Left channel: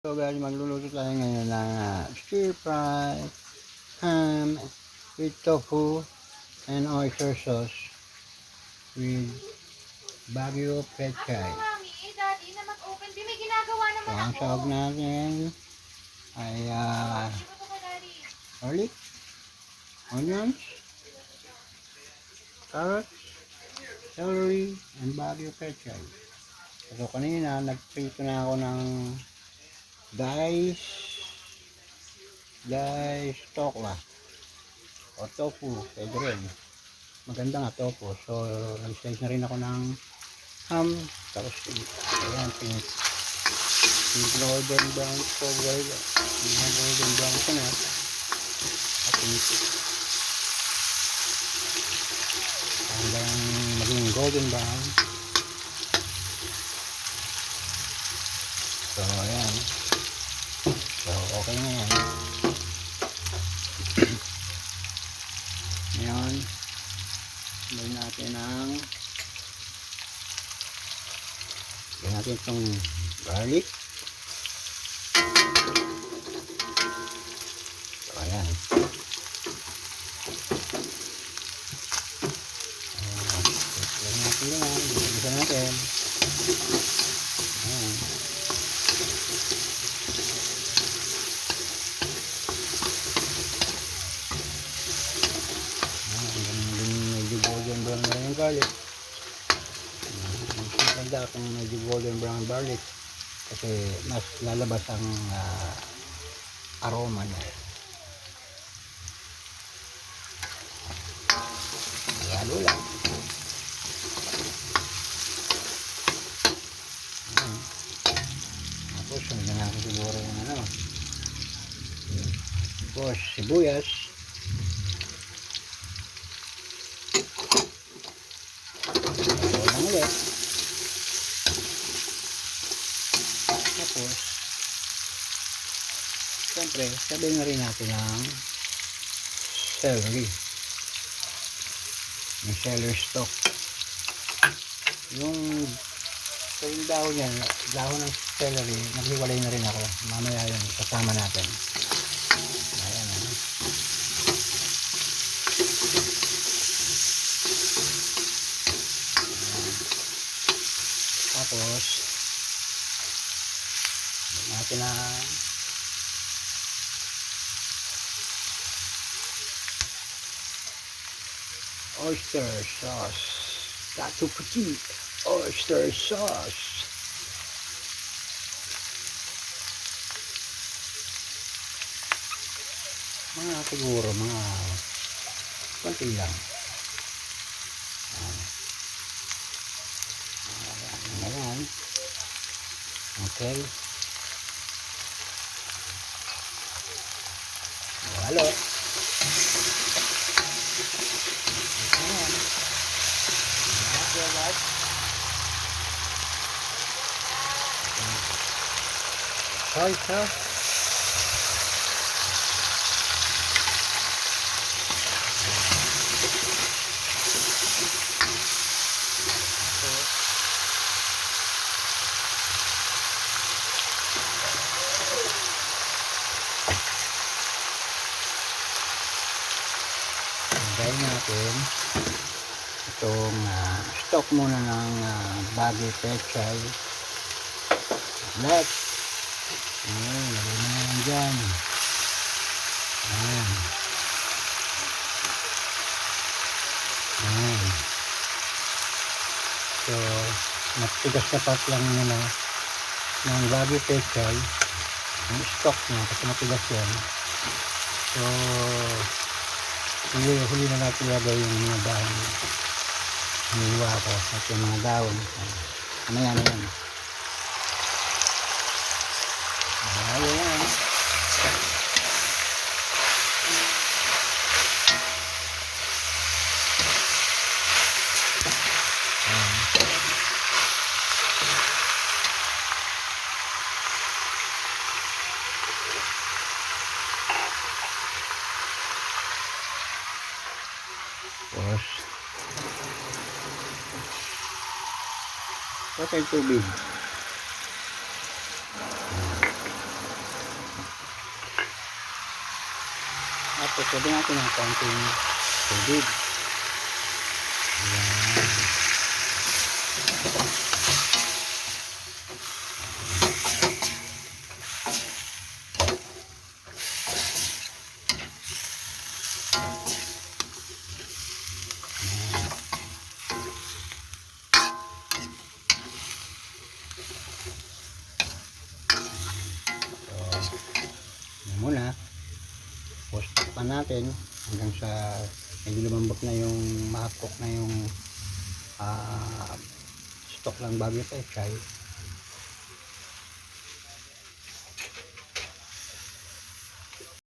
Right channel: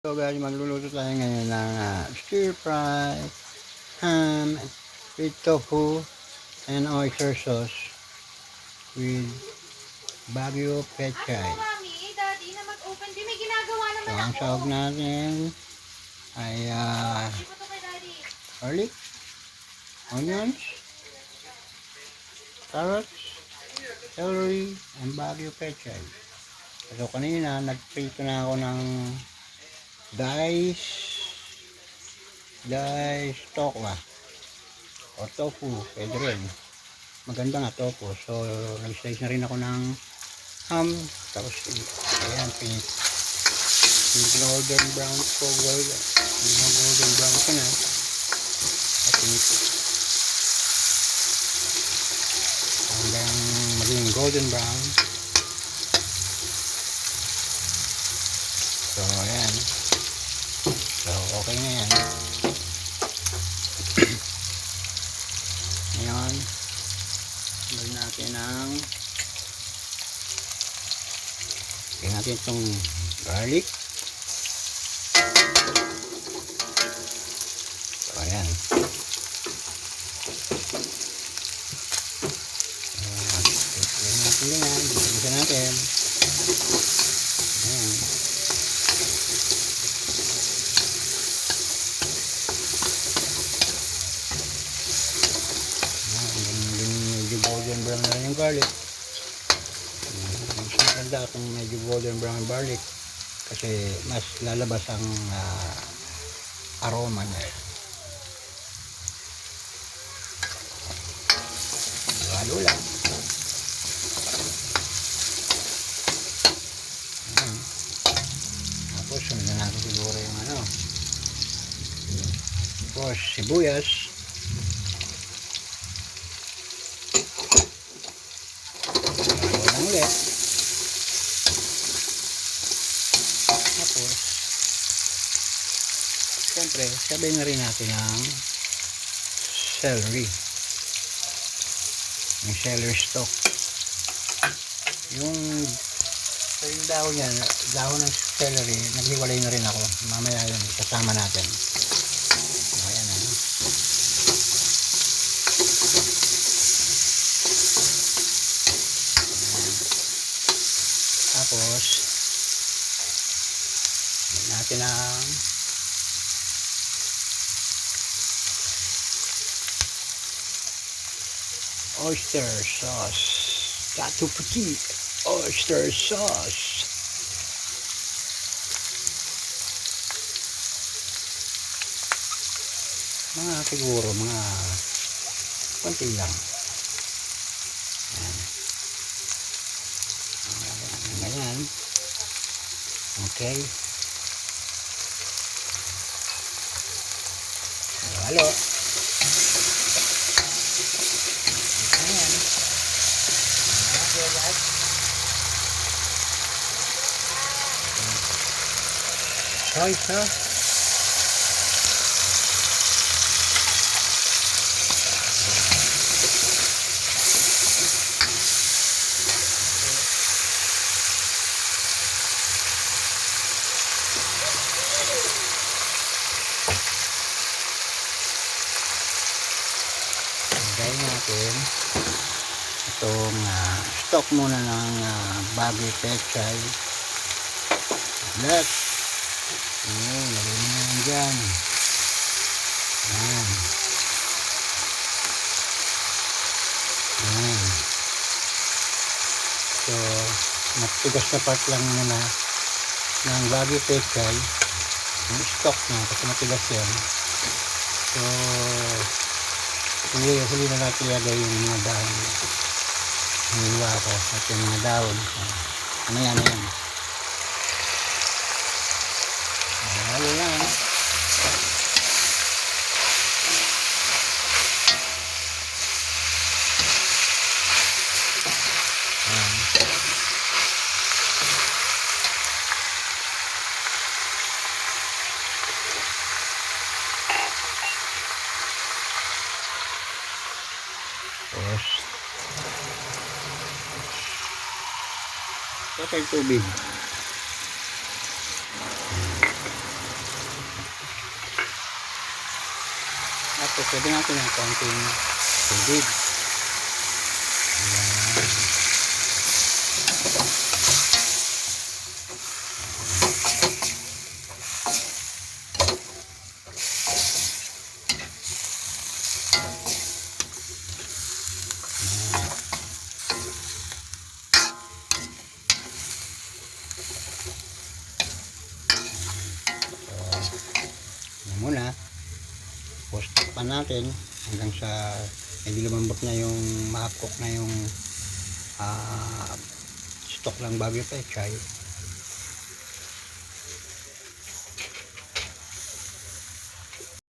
So guys, magluluto tayo ngayon ng stir fry ham with tofu and oyster sauce with Baguio pechay. So ang sahog natin ay garlic, onions, carrots, celery, and Baguio pechay. So kanina nagprito na ako ng diced tokwa o tofu, pwede rin, maganda nga tofu. So nag-slice na rin ako ng ham, tapos ayan, pink golden brown po, golden brown ko na at pink hanggang maging golden brown. So ayan, so okay na yan. Ngayon lagyan natin itong garlic. So ayan, lagyan natin yan, lagyan natin ayan. Golden brown na rin yung garlic. Mas maganda kung medyo golden brown garlic kasi mas lalabas ang aroma niya. Lalo lang. Tapos sundan natin siguro yung tapos sibuyas. Ulit. Tapos siyempre sabay na rin natin ang celery, yung celery stalk, yung dahon yan, dahon ng celery naghiwalay na rin ako, mamaya yun kasama natin. Ayan tapos natin ang oyster sauce, Tattoo Petit oyster sauce. Siguro mga konti lang. Ayan. Okay. Halo. Ayan. Okay, guys. Soy sauce. Lagay natin itong stock muna ng Baguio pechay. Lagay na yan dyan. So matigas na part lang muna ng Baguio pechay, yung stock niya kasi matigas yan. So huli na natin ilagay yung mga dahon. Hiniwa ko at yung mga dahon. Mamaya na yan. Halo yan. Tapos patay tubig. Tapos pwede natin ng konting tubig. Ayan. Yan muna. Tapos takpan natin hanggang sa medyo lumambot na yung mahapkok na yung stock ng Baguio Pechay.